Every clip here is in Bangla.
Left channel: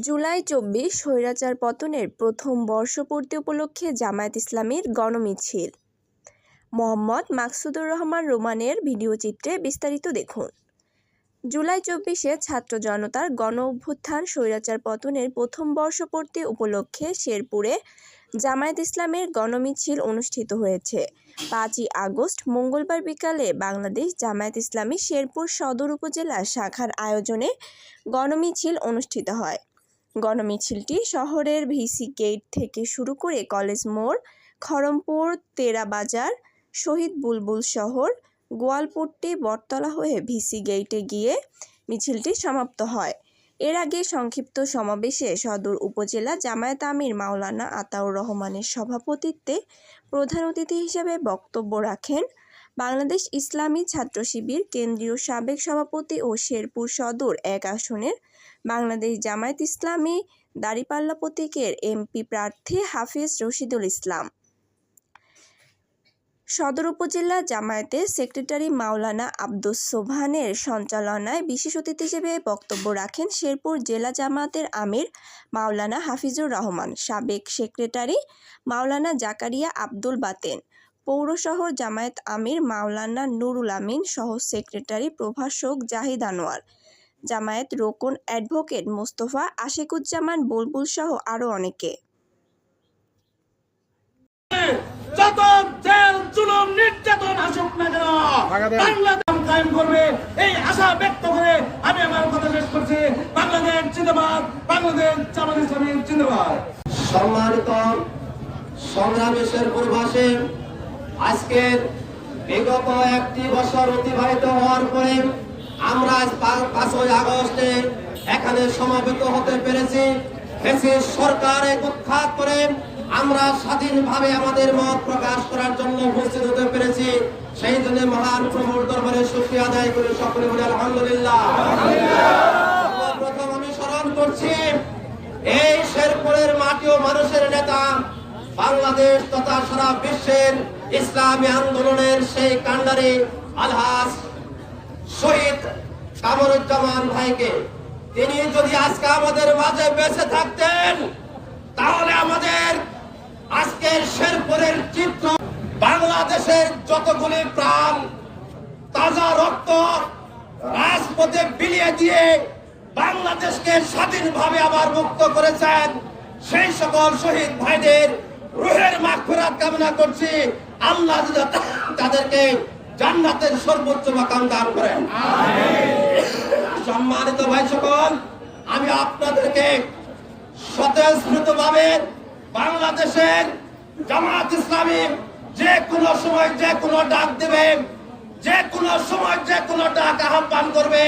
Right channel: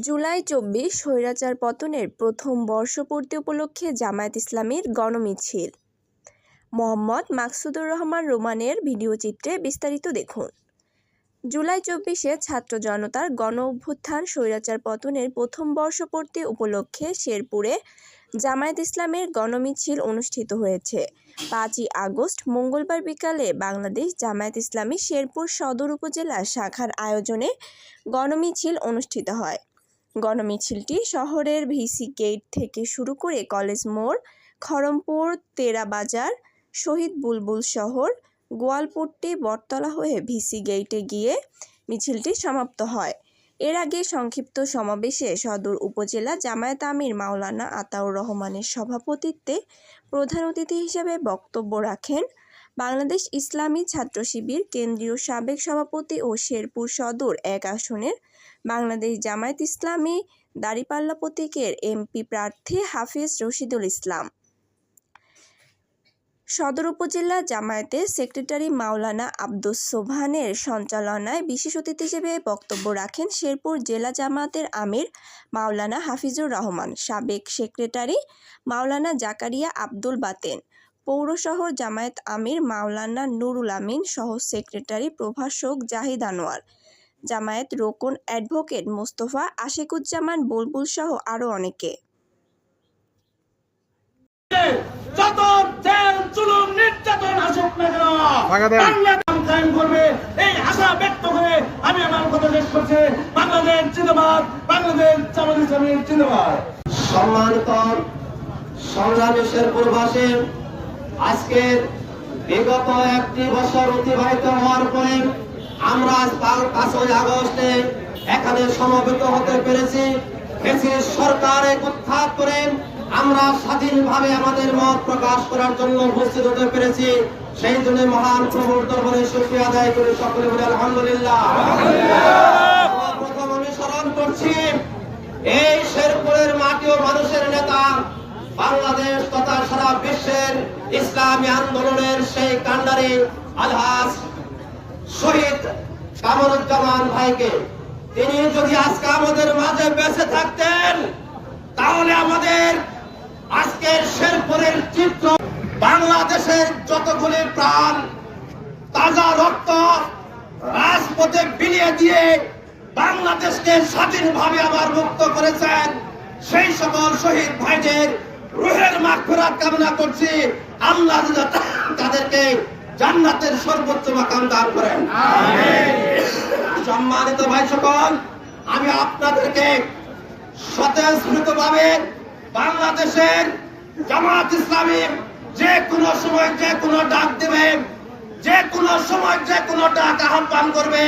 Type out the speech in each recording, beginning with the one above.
জুলাই চব্বিশ স্বৈরাচার পতনের প্রথম বর্ষপূর্তি উপলক্ষে জামায়াত ইসলামীর গণমিছিল। মোহাম্মদ মাকসুদুর রহমান রোমানের ভিডিওচিত্রে বিস্তারিত দেখুন। জুলাই চব্বিশে ছাত্র জনতার গণ অভ্যুত্থান স্বৈরাচার পতনের প্রথম বর্ষপূর্তি উপলক্ষে শেরপুরে জামায়াত ইসলামের গণমিছিল অনুষ্ঠিত হয়েছে। পাঁচই আগস্ট মঙ্গলবার বিকালে বাংলাদেশ জামায়াত ইসলামী শেরপুর সদর উপজেলা শাখার আয়োজনে গণমিছিল অনুষ্ঠিত হয়। গণমিছিলটি শহরের ভিসি গেট থেকে শুরু করে কলেজ মোড়, খড়মপুর, তেরাবাজার, শহীদ বুলবুল শহর, গোয়ালপট্টি, বটতলা হয়ে ভিসি গেইটে গিয়ে মিছিলটি সমাপ্ত হয়। এর আগে সংক্ষিপ্ত সমাবেশে সদর উপজেলা জামায়াত আমির মাওলানা আতাউর রহমানের সভাপতিত্বে প্রধান অতিথি হিসেবে বক্তব্য রাখেন বাংলাদেশ ইসলামী ছাত্র শিবির কেন্দ্রীয় সাবেক সভাপতি ও শেরপুর সদর এক আসনের বাংলাদেশ জামায়াত ইসলামী দাঁড়িপাল্লা প্রতীকের এমপি প্রার্থী হাফিজ রশিদুল ইসলাম। সদর উপজেলা জামায়াতের সেক্রেটারি মাওলানা আব্দুস সোবহানের সঞ্চালনায় বিশেষ অতিথি হিসেবে বক্তব্য রাখেন শেরপুর জেলা জামায়াতের আমির মাওলানা হাফিজুর রহমান, সাবেক সেক্রেটারি মাওলানা জাকারিয়া আব্দুল বাতেন, পৌর শহর জামায়াত আমির মাওলানা নুরুল আমিন সহ সেক্রেটারি প্রভাষক জাহিদ আনোয়ার। জামায়াত রোকন অ্যাডভোকেট মোস্তফা আশিকুজ্জামান বুলবুল সহ আরও অনেকে। যত জেল জুলুম নির্যাতন আসুক না কেন? বাংলাদেশ। বাংলাদেশ কায়েম করবে এই আশা ব্যক্ত করে আমি আমার কথা শেষ করছি। বাংলাদেশ জিন্দাবাদ বাংলাদেশ জামাত ইসলামী জিন্দাবাদ। সম্মানিত সংগ্রামী শেরপুরবাসী আজকের বিগত একটি বছর অতিবাহিত হওয়ার পরে আমরা পাঁচই আগস্টে এখানে সমবেত হতে পেরেছি। ফেসিস সরকারে উৎখাত করে আমরা স্বাধীনভাবে আমাদের মত প্রকাশ করার জন্য উপস্থিত হতে পেরেছি। সেই জন্য মহান প্রভুর দরবারে শুক্রিয়া আদায় করে সকলে বলে আলহামদুলিল্লাহ। প্রথম আমি স্মরণ করছি, এই শেরপুরের মাটি ও মানুষের নেতা বাংলাদেশ তথা সারা বিশ্বের ইসলামী আন্দোলনের সেই কান্ডারি আলহাস শহীদ কামরুজ্জামান ভাইকে। তিনি যদি আজকে আমাদের মাঝে বেঁচে থাকতেন, তাহলে আমাদের আজকের শেরপুরের চিত্র বাংলাদেশের যতগুলি প্রাণ, তাজা রক্ত রাজপথে বিলিয়ে দিয়ে বাংলাদেশকে স্বাধীনভাবে আবার মুক্ত করেছেন, সেই সকল শহীদ ভাইদের রুহের মাগফিরাত কামনা করছি। আল্লাহ তাদেরকে জান্নাতের সর্বোচ্চ মাকাম দান করেন। সম্মানিত ভাই সকল আমি আপনাদেরকে স্বতঃস্ফূর্ত ভাবে বাংলাদেশের জামাত ইসলামী যে কোনো সময় যে কোনো ডাক দেবে যে কোনো সময় যে কোনো ডাক আহ্বান করবে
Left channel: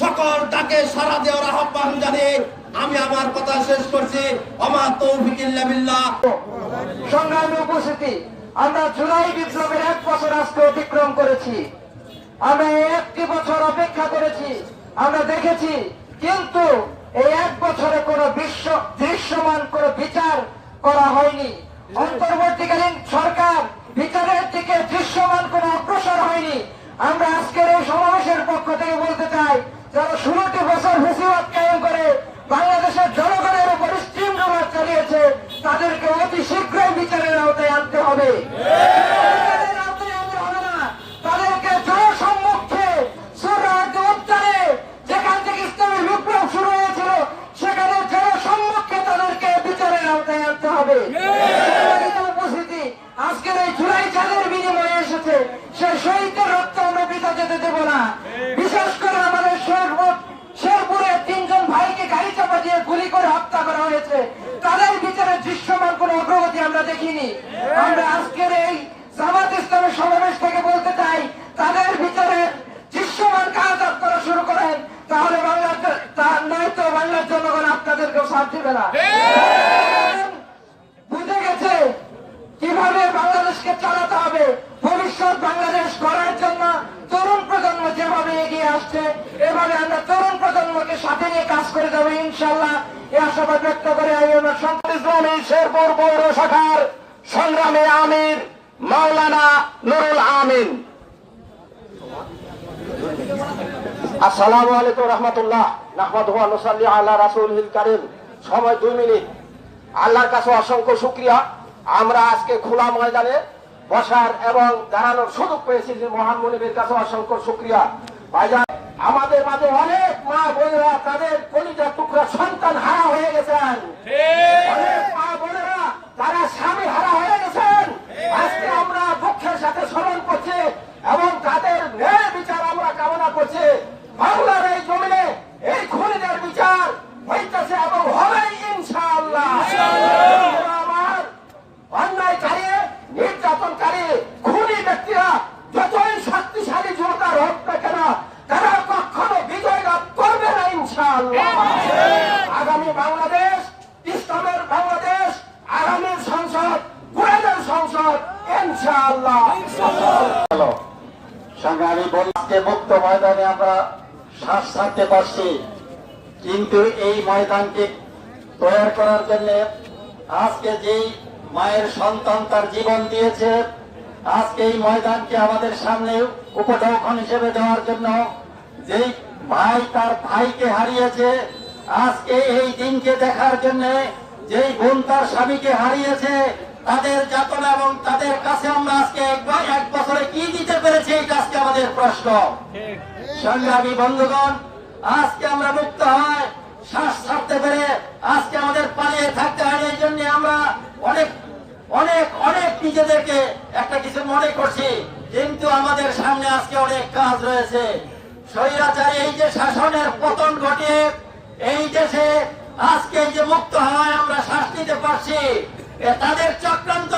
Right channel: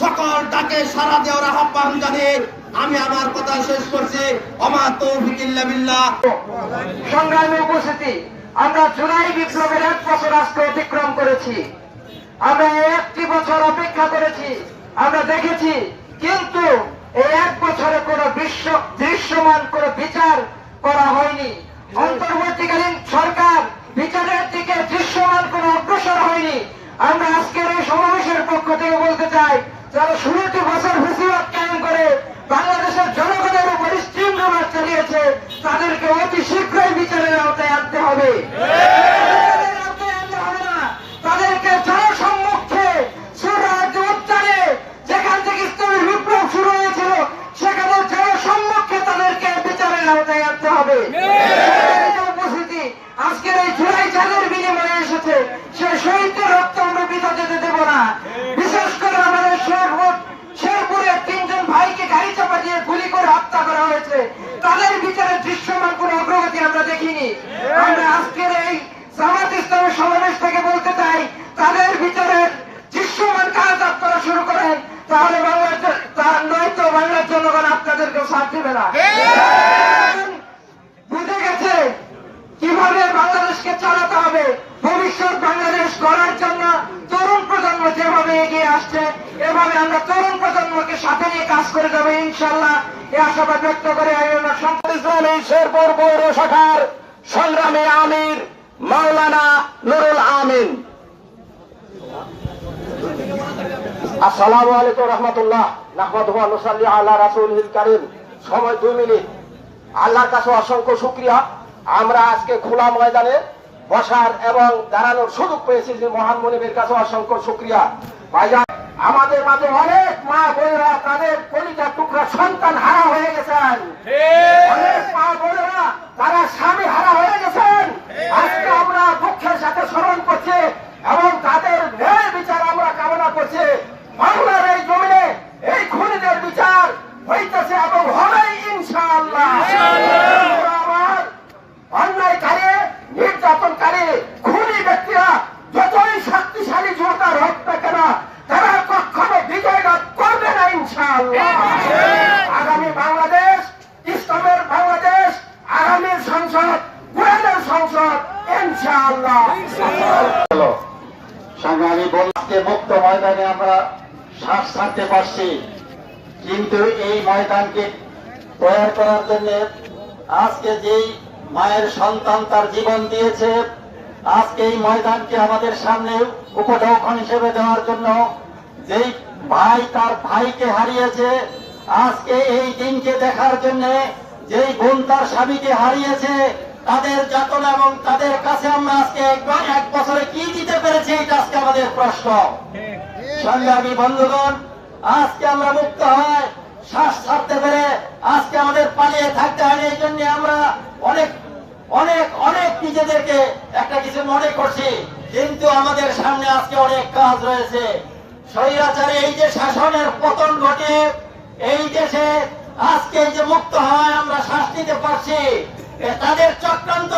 সকল ডাকে সারা দেওয়ার আহ্বান জানিয়ে আমি আমার কথা শেষ করছি। অমা তৌফিক ইল্লা বিল্লাহ। সংগ্রামী উপস্থিতি আমরা জুলাই বিপ্লবের এক বছর আজকে অতিক্রম করেছি। আমরা একটি বছর অপেক্ষা করেছি। আমরা দেখেছি কিন্তু এই এক বছরে কোনো বিশ্ব দৃশ্যমান কোনো বিচার করা হয়নি। অন্তর্বর্তীকালীন সরকার বিচারের দিকে দৃশ্যমান কোনো অগ্রসর হয়নি। আমরা আজকের এই সমাবেশের পক্ষ থেকে বলতে চাই যারা ষোলোটি বছর হুসিবাদ কায়েম করে বাংলাদেশের জনগণের উপর স্টিমরোলার চালিয়েছে তাদেরকে অতি শীঘ্রই বিচারের আওতায় আনতে হবে। সেই। তাদেরকে জনসম্মুখে যেখান থেকে ইসলামী বিপ্লব শুরু হয়েছিল সেখানে জনসম্মুখে তাদেরকে বিচারের আওতায় আনতে হবে। উপস্থিতি। আজকের এই জুলাই চাঁদের বিনিময়ে এসেছে সে শহীদের রক্ত আমরা পিতা যেতে দেব না বিশেষ করে আমাদের শেরপুর শেরপুরে তিনজন ভাইকে গাড়ি চাপা দিয়ে গুলি করে হত্যা করা হয়েছে। তাদের বিচারে দৃশ্যমান কোন অগ্রগতি আমরা দেখিনি। আমরা আজকের এই জামাত ইসলামের সমাবেশ থেকে বলতে চাই তাদের বিচারের দৃশ্যমান কাজ আপনারা শুরু করেন তাহলে বাংলার জ- তা- নয়তো বাংলার জনগণ আপনাদেরকেও সাথ দিবে না। বুঝে গেছে? কীভাবে বাংলাদেশকে চালাতে হবে ভবিষ্যৎ বাংলাদেশ গড়ার জন্য তরুণ প্রজন্ম যেভাবে এগিয়ে আসছে, এভাবে আমরা তরুণ প্রজন্মকে সাথে নিয়ে কাজ করে যাব, ইনশাল্লাহ। এ আশাবাদ ব্যক্ত করে শেরপুর সংগ্রামী আমির মাওলানা নুরুল আমিন। রহমতুল্লাহ, নাহমাদুহু ওয়া নুসাল্লি আলা সময় দুই মিনিট। আল্লাহর কাছে অসংখ্য শুক্রিয়া। আমরা আজকে খোলা ময়দানে বসার এবং দাঁড়ানোর সুযোগ পেয়েছি যে মহান মনিবের কাছে অসংখ্য শুক্রিয়া। ভাইজান, আমাদের মাঝে অনেক মা বোনেরা তাদের কলিজার টুকরা সন্তান হারা হয়ে গেছেন অনেক মা বোনেরা তারা স্বামী হারা হয়ে গেছেন আজকে আমরা দুঃখের সাথে স্মরণ করছি এবং তাদের ন্যায় বিচার আমরা কামনা করছি বাংলার এই জমিনে এই খুনিদের বিচার হইতেছে এবং হবেই ইনশাআল্লাহ আমার অন্যায়কারী নির্যাতনকারী খুনি ব্যক্তিরা যতই শক্তিশালী জোরদার হোক না কেন তারা কখনো বিজয় লাভ করবে না ইনশাআল্লাহ আগামী বাংলাদেশ ইসলামের বাংলাদেশ আগামী সংসদ কোরআনের সংসদ ইনশাআল্লাহ সংগ্রামী বলতে মুক্ত ময়দানে আমরা শ্বাস ছাড়তে পারছি। কিন্তু এই ময়দানকে তৈরি করার জন্য আজকে যেই মায়ের সন্তান তার জীবন দিয়েছে, আজকে এই ময়দানকে আমাদের সামনে উপঢৌকন হিসেবে দেওয়ার জন্য যেই ভাই তার ভাইকে হারিয়েছে, আজকে এই দিনকে দেখার জন্য যেই বোন তার স্বামীকে হারিয়েছে তাদের যাতনা এবং তাদের কাছে আমরা আজকে এক- বছরে কি দিতে পেরেছি এটা আজকে আমাদের প্রশ্ন। সংগ্রামী বন্ধুগণ, আজকে আমরা মুক্ত হয় শ্বাস ছাড়তে পেরে আজকে আমাদের পালিয়ে থাকতে হয়নি, এই জন্য আমরা অনেক অনেক অনেক নিজেদেরকে একটা কিছু মনে করছি। কিন্তু আমাদের সামনে আজকে অনেক কাজ রয়েছে। স্বৈরাচারী, এই যে শাসনের পতন ঘটে, এই দেশে আজকে যে মুক্ত হয় আমরা শ্বাস নিতে পারছি তাদের চক্রান্ত